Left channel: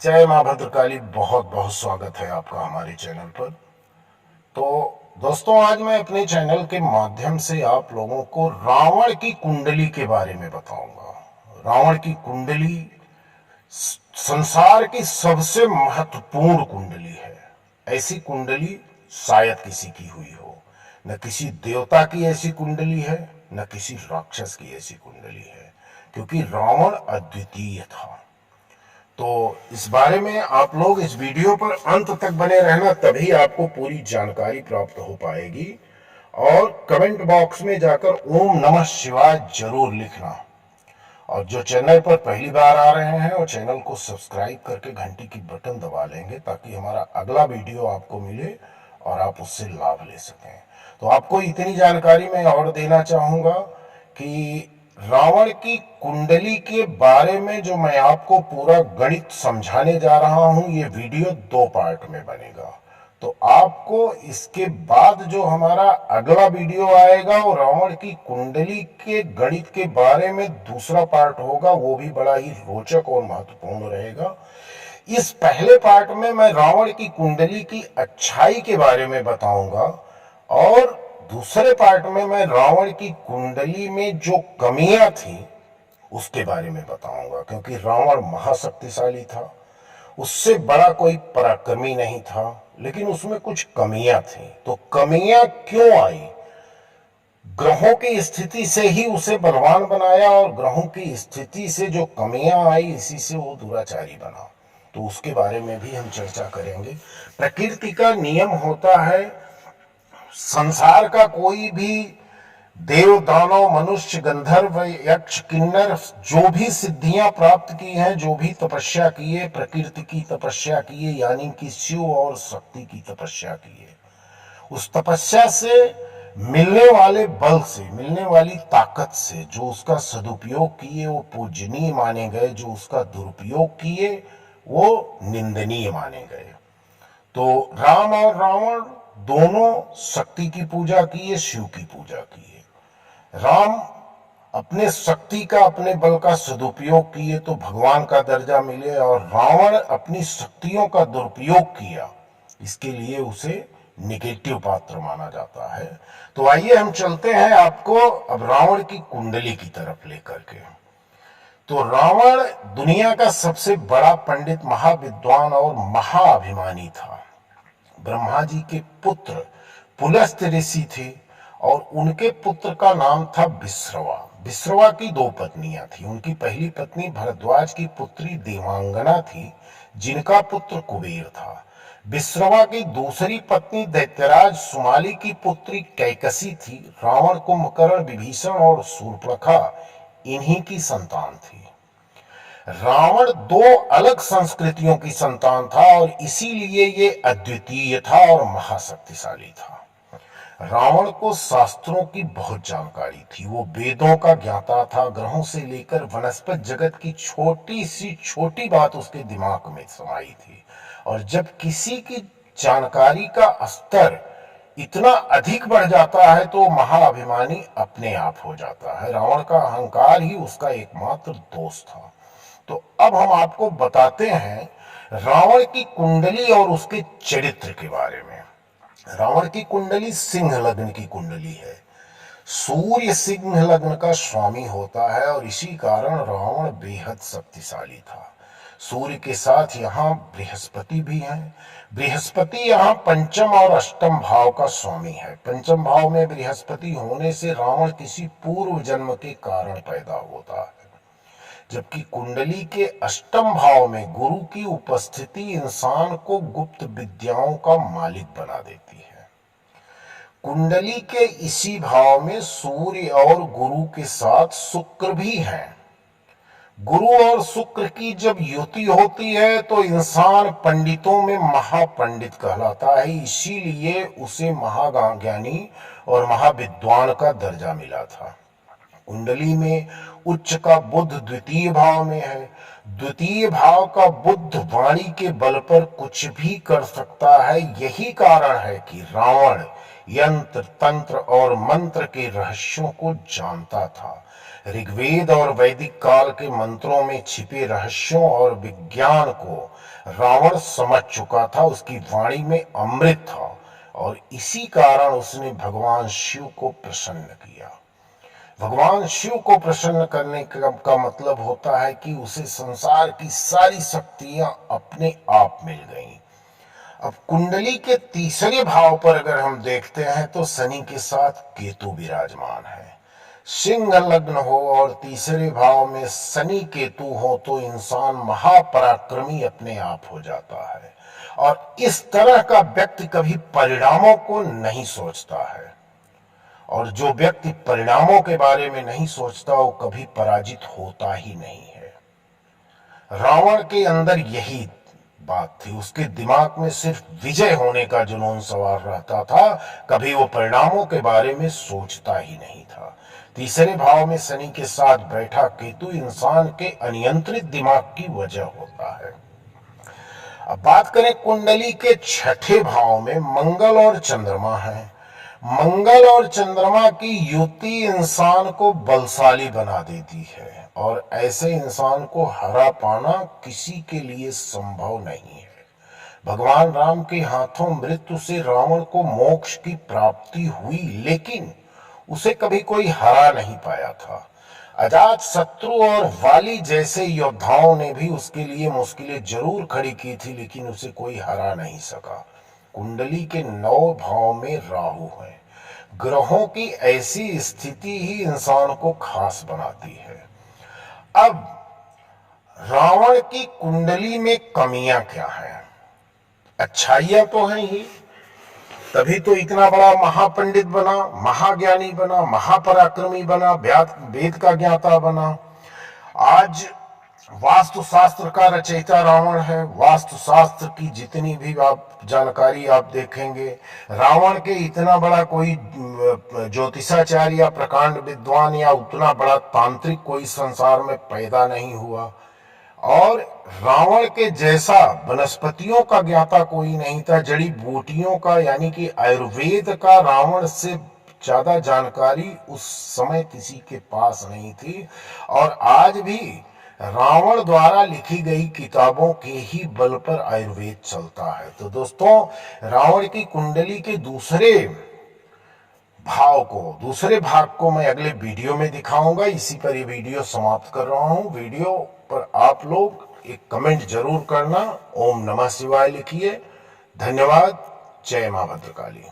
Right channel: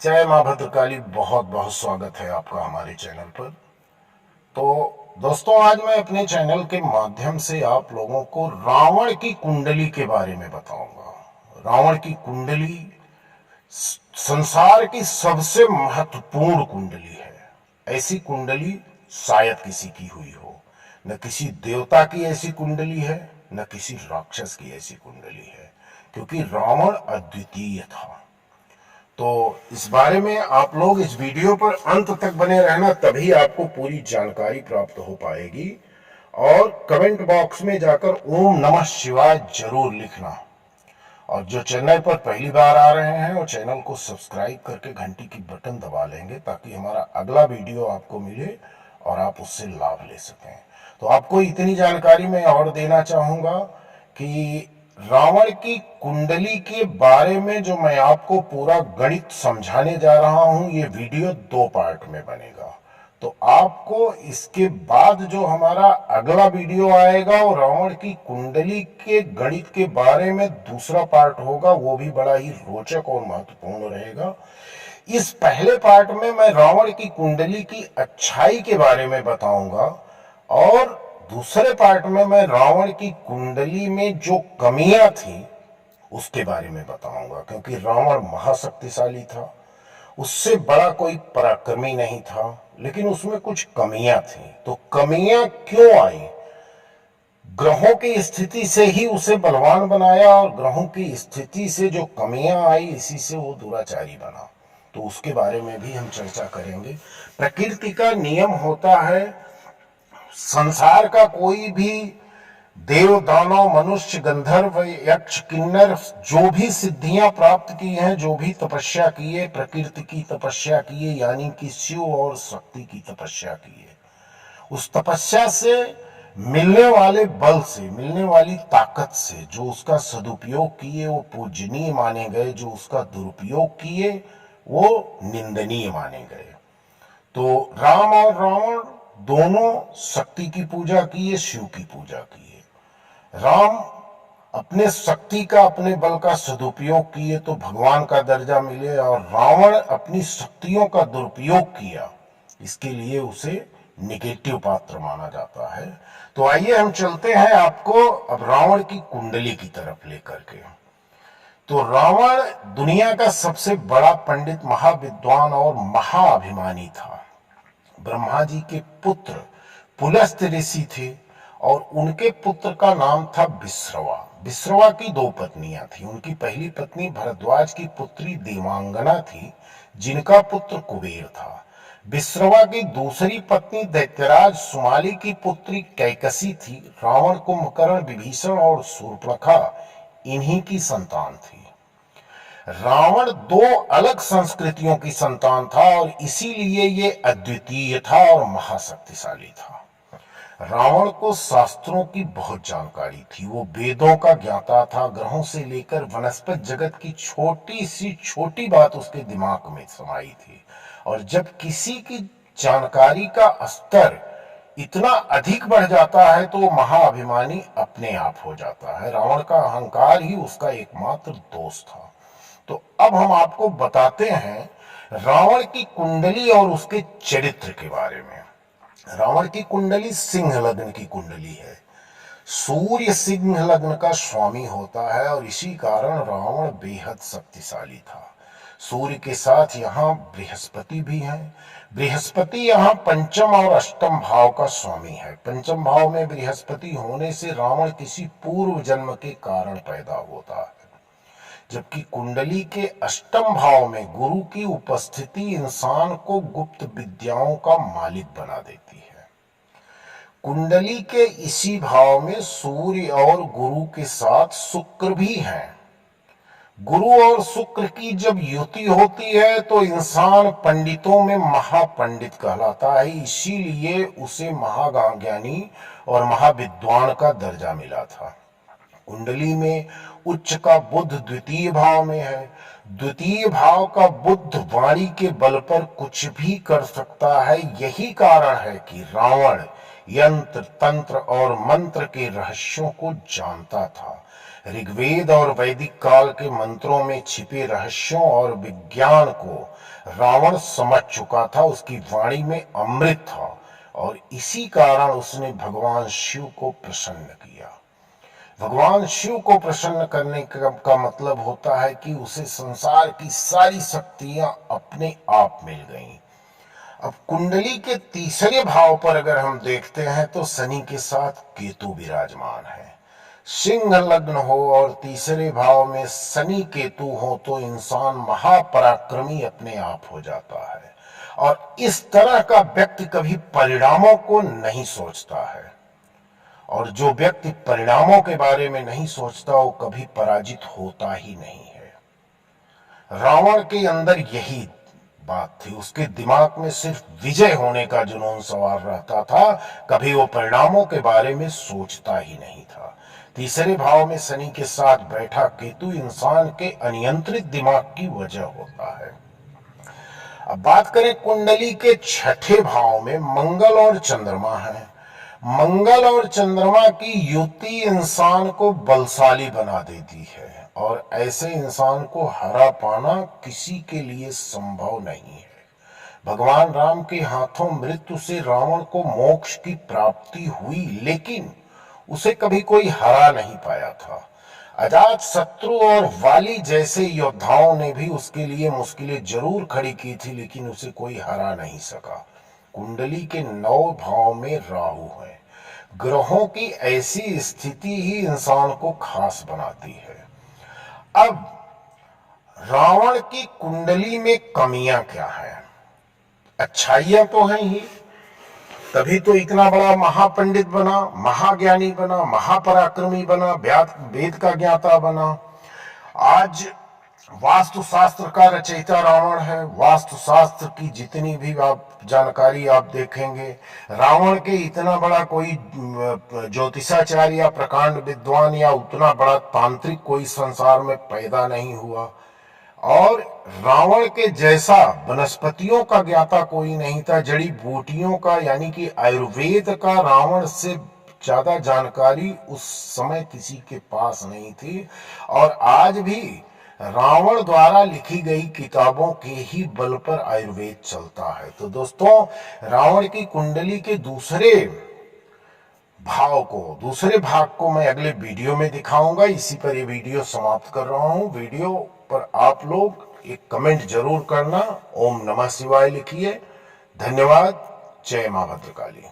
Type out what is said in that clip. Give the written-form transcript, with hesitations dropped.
जय माँ भद्रकाली। बहुत बहुत स्वागत है आपका हमारे चैनल पर। तो दोस्तों, आज मैं अपने चैनल के माध्यम से आप लोगों को रावण की कुंडली के बारे में बताऊंगा। रावण की कुंडली संसार की सबसे महत्वपूर्ण कुंडली है। ऐसी कुंडली शायद किसी की हुई हो। न किसी देवता की ऐसी कुंडली है, न किसी राक्षस की ऐसी कुंडली है, क्योंकि रावण अद्वितीय था। तो इस बारे में आप लोग इस वीडियो पर अंत तक बने रहना, तभी आपको पूरी जानकारी प्राप्त हो पाएगी। और कमेंट बॉक्स में जाकर ओम नमः शिवाय जरूर लिखना। और जो चैनल पर पहली बार आ रहे हैं वो चैनल को सब्सक्राइब करके घंटी की बटन दबा लेंगे, ताकि हमारा अगला वीडियो आपको मिले और आप उससे लाभ ले सकें। तो आपको इतनी जानकारी मैं और देना चाहूंगा कि रावण की कुंडली के बारे में जो मैं आपको पूरा गणित समझाने जा रहा हूं, ये वीडियो 2 पार्ट में बनेगा। तो आपको इसके बाद जो हमारा अगला वीडियो आएगा वो रावण की कुंडली के गणित के बारे में दूसरा पार्ट होगा। वो भी बड़ा ही रोचक और महत्वपूर्ण रहेगा। इस पहले पार्ट में मैं रावण की कुंडली की अच्छाई के बारे में बताऊंगा, और दूसरे पार्ट में मैं रावण की कुंडली में जो कमियां थी उसके बारे में बताऊंगा। क्योंकि रावण महाशक्तिशाली था, उससे बड़ा कोई पराक्रमी नहीं था, लेकिन उसमें कुछ कमियां थी। तो कमियां क्यों आई? ग्रहों की स्थिति से ही उसे बलवान बनाया, और ग्रहों की स्थिति से जो कमियां आई, इसी से वो दुराचारी बना। तो उसके बारे में भी हम चर्चा करेंगे। प्रकृति का नियम होता है, संसार का कोई भी देव दानव मनुष्य गंधर्व यक्ष किन्नर जो भी सिद्धियां प्राप्त की हैं, जो भी तपस्या की है, प्रकृति की तपस्या की है, यानी कि शिव और शक्ति की तपस्या की है। उस तपस्या से मिलने वाले बल से, मिलने वाली ताकत से जो उसका सदुपयोग किए वो पूजनीय माने गए, जो उसका दुरुपयोग किए वो निंदनीय माने गए। तो राम और रावण दोनों शक्ति की पूजा किए, शिव की पूजा किए। राम अपने शक्ति का, अपने बल का सदुपयोग किए तो भगवान का दर्जा मिले, और रावण अपनी शक्तियों का दुरुपयोग किया, इसके लिए उसे निगेटिव पात्र माना जाता है। तो आइए हम चलते हैं आपको अब रावण की कुंडली की तरफ लेकर के। तो रावण दुनिया का सबसे बड़ा पंडित, महाविद्वान और महाअभिमानी था। ब्रह्मा जी के पुत्र पुलस्त्य ऋषि थे, और उनके पुत्र का नाम था विश्रवा। विश्रवा की 2 पत्नियां थी। उनकी पहली पत्नी भरद्वाज की पुत्री देवांगना थी, जिनका पुत्र कुबेर था। विश्रवा की दूसरी पत्नी दैत्यराज सुमाली की पुत्री कैकसी थी। रावण, कुंभकर्ण, विभीषण और शूर्पणखा इन्हीं की संतान थी। रावण 2 अलग संस्कृतियों की संतान था, और इसीलिए ये अद्वितीय था और महाशक्तिशाली था। रावण को शास्त्रों की बहुत जानकारी थी। वो वेदों का ज्ञाता था। ग्रहों से लेकर वनस्पति जगत की छोटी सी छोटी बात उसके दिमाग में समाई थी। और जब किसी की जानकारी का स्तर इतना अधिक बढ़ जाता है तो महाअभिमानी अपने आप हो जाता है। रावण का अहंकार ही उसका एकमात्र दोष था। तो अब हम आपको बताते हैं रावण की कुंडली और उसके चरित्र के बारे में। रावण की कुंडली सिंह लग्न की कुंडली है। सूर्य सिंह लग्न का स्वामी होता है, और इसी कारण रावण बेहद शक्तिशाली था। सूर्य के साथ यहाँ बृहस्पति भी हैं। बृहस्पति यहाँ पंचम और अष्टम भाव का स्वामी है। पंचम भाव में बृहस्पति होने से रावण किसी पूर्व जन्म के कारण पैदा होता है, जबकि कुंडली के अष्टम भाव में गुरु की उपस्थिति इंसान को गुप्त विद्याओं का मालिक बना देती है। कुंडली के इसी भाव में सूर्य और गुरु के साथ शुक्र भी है। गुरु और शुक्र की जब युति होती है तो इंसान पंडितों में महापंडित कहलाता है। इसीलिए उसे महाज्ञानी और महाविद्वान का दर्जा मिला था। कुंडली में उच्च का बुध द्वितीय भाव में है। द्वितीय भाव का बुध वाणी के बल पर कुछ भी कर सकता है। यही कारण है कि रावण यंत्र तंत्र और मंत्र के रहस्यों को जानता था। ऋग्वेद और वैदिक काल के मंत्रों में छिपे रहस्यों और विज्ञान को रावण समझ चुका था। उसकी वाणी में अमृत था और इसी कारण उसने भगवान शिव को प्रसन्न किया। भगवान शिव को प्रसन्न करने का मतलब होता है कि उसे संसार की सारी शक्तियां अपने आप मिल गईं। अब कुंडली के तीसरे भाव पर अगर हम देखते हैं तो शनि के साथ केतु विराजमान है। सिंह लग्न हो और तीसरे भाव में शनि केतु हो तो इंसान महापराक्रमी अपने आप हो जाता है और इस तरह का व्यक्ति कभी परिणामों को नहीं सोचता है और जो व्यक्ति परिणामों के बारे में नहीं सोचता वो कभी पराजित होता ही नहीं है। रावण के अंदर यही बात थी, उसके दिमाग में सिर्फ विजय होने का जुनून सवार रहता था, कभी वो परिणामों के बारे में सोचता ही नहीं था। तीसरे भाव में शनि के साथ बैठा केतु इंसान के अनियंत्रित दिमाग की वजह होता है। अब बात करें कुंडली के छठे भाव में मंगल और चंद्रमा है। मंगल और चंद्रमा की युति इंसान को बलशाली बना देती है और ऐसे इंसान को हरा पाना किसी के लिए संभव नहीं है। भगवान राम के हाथों मृत्यु से रावण को मोक्ष की प्राप्ति हुई, लेकिन उसे कभी कोई हरा नहीं पाया था। अजात शत्रु और वाली जैसे योद्धाओं ने भी उसके लिए मुश्किलें जरूर खड़ी की थी, लेकिन उसे कोई हरा नहीं सका। कुंडली के 9 भाव में राहु है। ग्रहों की ऐसी स्थिति ही इंसान को खास बनाती है। अब रावण की कुंडली में कमियां क्या हैं? अच्छाइयां तो हैं ही, तभी तो इतना बड़ा महापंडित बना, महाज्ञानी बना, महापराक्रमी बना, वेद का ज्ञाता बना। आज वास्तुशास्त्र का रचयिता रावण है। वास्तुशास्त्र की जितनी भी आप जानकारी आप देखेंगे, रावण के इतना बड़ा कोई ज्योतिषाचार्य या प्रकांड विद्वान या उतना बड़ा तांत्रिक कोई संसार में पैदा नहीं हुआ और रावण के जैसा वनस्पतियों का ज्ञाता कोई नहीं था। जड़ी बूटियों का यानी कि आयुर्वेद का रावण से ज्यादा जानकारी उस समय किसी के पास नहीं थी और आज भी रावण द्वारा लिखी गई किताबों के ही बल पर आयुर्वेद चलता है। तो दोस्तों, रावण की कुंडली के दूसरे भाग को मैं अगले वीडियो में दिखाऊंगा। इसी पर ये वीडियो समाप्त कर रहा हूं। वीडियो पर आप लोग एक कमेंट जरूर करना, ओम नमः शिवाय लिखिए। धन्यवाद। जय मां भद्रकाली।